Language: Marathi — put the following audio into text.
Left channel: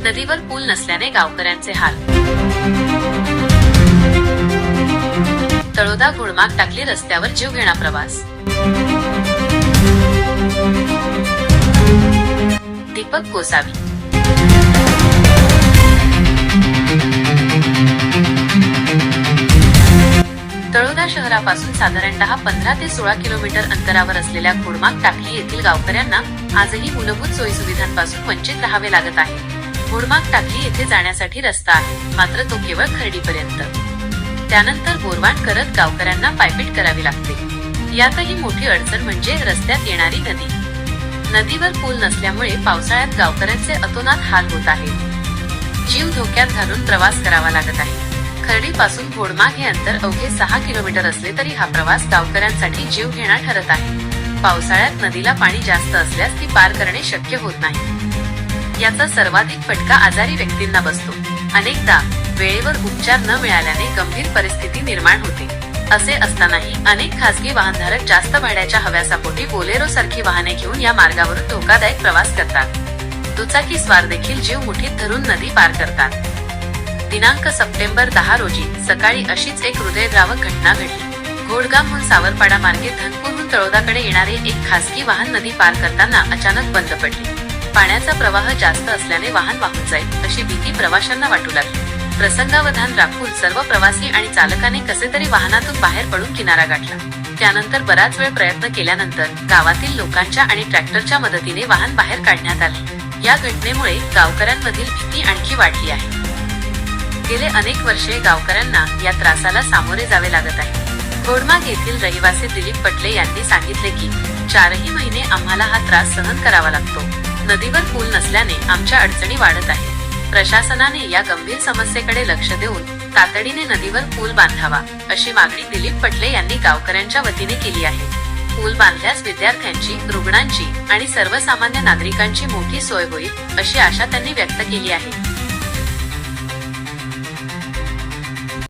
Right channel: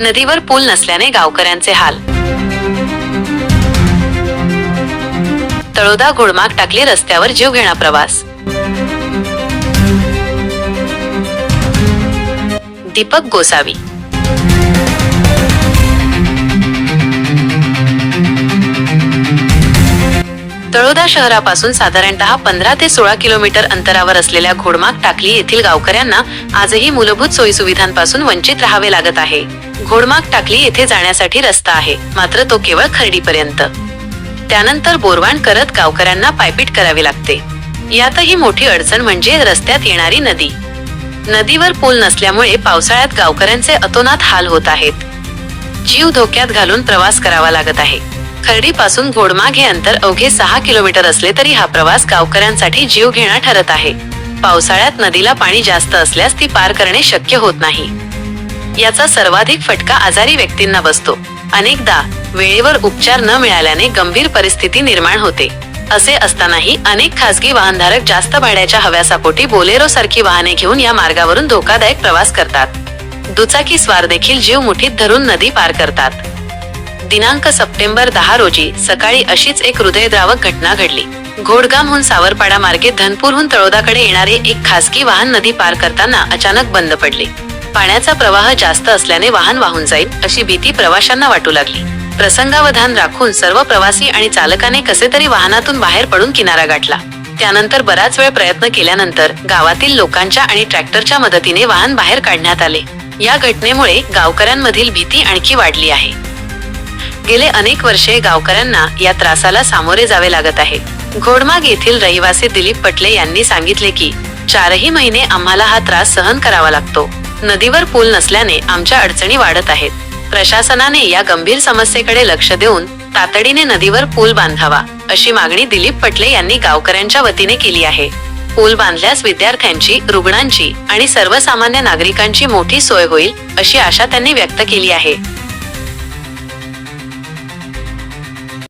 नदीवर पूल नसल्याने गावकऱ्यांचे हाल. तळोदा घोडमाग टाकली रस्त्यावर जीव घेणा प्रवास. दीपक गोसावी. तळोदा शहरापासून साधारणतः पंधरा ते सोळा किलोमीटर अंतरावर असलेल्या घोडमाग टाकली येथील गावकऱ्यांना आजही मूलभूत सोयीसुविधांपासून वंचित राहावे लागत आहे. घोडमाग टाकली येथे जाण्यासाठी रस्ता आहे. मात्र तो केवळ खर्डीपर्यंत. त्यानंतर बोरवाण करत गावकऱ्यांना पायपीट करावी लागते. यातही मोठी अडचण म्हणजे रस्त्यात येणारी नदी. नदीवर पूल नसल्यामुळे पावसाळ्यात गावकऱ्यांचे अतोनात हाल होत आहेत. जीव धोक्यात घालून प्रवास करावा लागत आहे. खर्डी पासून घोडमाग हे अंतर अवघे सहा किलोमीटर असले तरी हा प्रवास गावकऱ्यांसाठी जीव घेणा ठरत आहे. पावसाळ्यात नदीला पाणी जास्त असल्यास ती पार करणे शक्य होत नाही. याचा सर्वाधिक फटका आजारी व्यक्तींना बसतो. अनेकदा वेळेवर उपचार न मिळाल्याने गंभीर परिस्थिती निर्माण होते. असे असतानाही अनेक खासगी वाहनधारक जास्त भाड्याच्या हव्यासापोटी बोलेरो सारखी वाहने घेऊन या मार्गावरून धोकादायक प्रवास करतात. दुचाकी स्वार देखील जीव मुठीत धरून नदी पार करतात. दिनांक सप्टेंबर दहा रोजी सकाळी अशीच एक हृदयद्रावक घटना घडली. घोडगामहून सावरपाडा मार्गे धनपूरहून तळोदाकडे येणारे एक खासगी वाहन नदी पार करताना अचानक बंद पडले. पाण्याचा प्रवाह जास्त असल्याने वाहन वाहून जाईल अशी भीती प्रवाशांना वाटू लागली. प्रसंगावधान राखून सर्व प्रवासी आणि चालकाने कसे तरी वाहनातून बाहेर पडून किनारा गाठला. त्यानंतर बराच वेळ प्रयत्न केल्यानंतर गावातील लोकांच्या आणि ट्रॅक्टरच्या मदतीने वाहन बाहेर काढण्यात आले. या घटनेमुळे गावकऱ्यांमधील भीती आणखी वाढली आहे. गेले अनेक वर्षे गावकऱ्यांना या त्रासाला सामोरे जावे लागत आहे. घोडमाग येथील रहिवासी दिलीप पटले यांनी सांगितले की चारही महिने आम्हाला हा त्रास सहन करावा लागतो. नदीवर पूल नसल्याने आमच्या अडचणी वाढत आहेत. प्रशासनाने या गंभीर समस्येकडे लक्ष देऊन तातडीने नदीवर पूल बांधावा अशी मागणी दिलीप पटले यांनी गावकऱ्यांच्या वतीने केली आहे. पूल बांधल्यास विद्यार्थ्यांची रुग्णांची आणि सर्वसामान्य नागरिकांची मोठी सोय होईल अशी आशा त्यांनी व्यक्त केली आहे.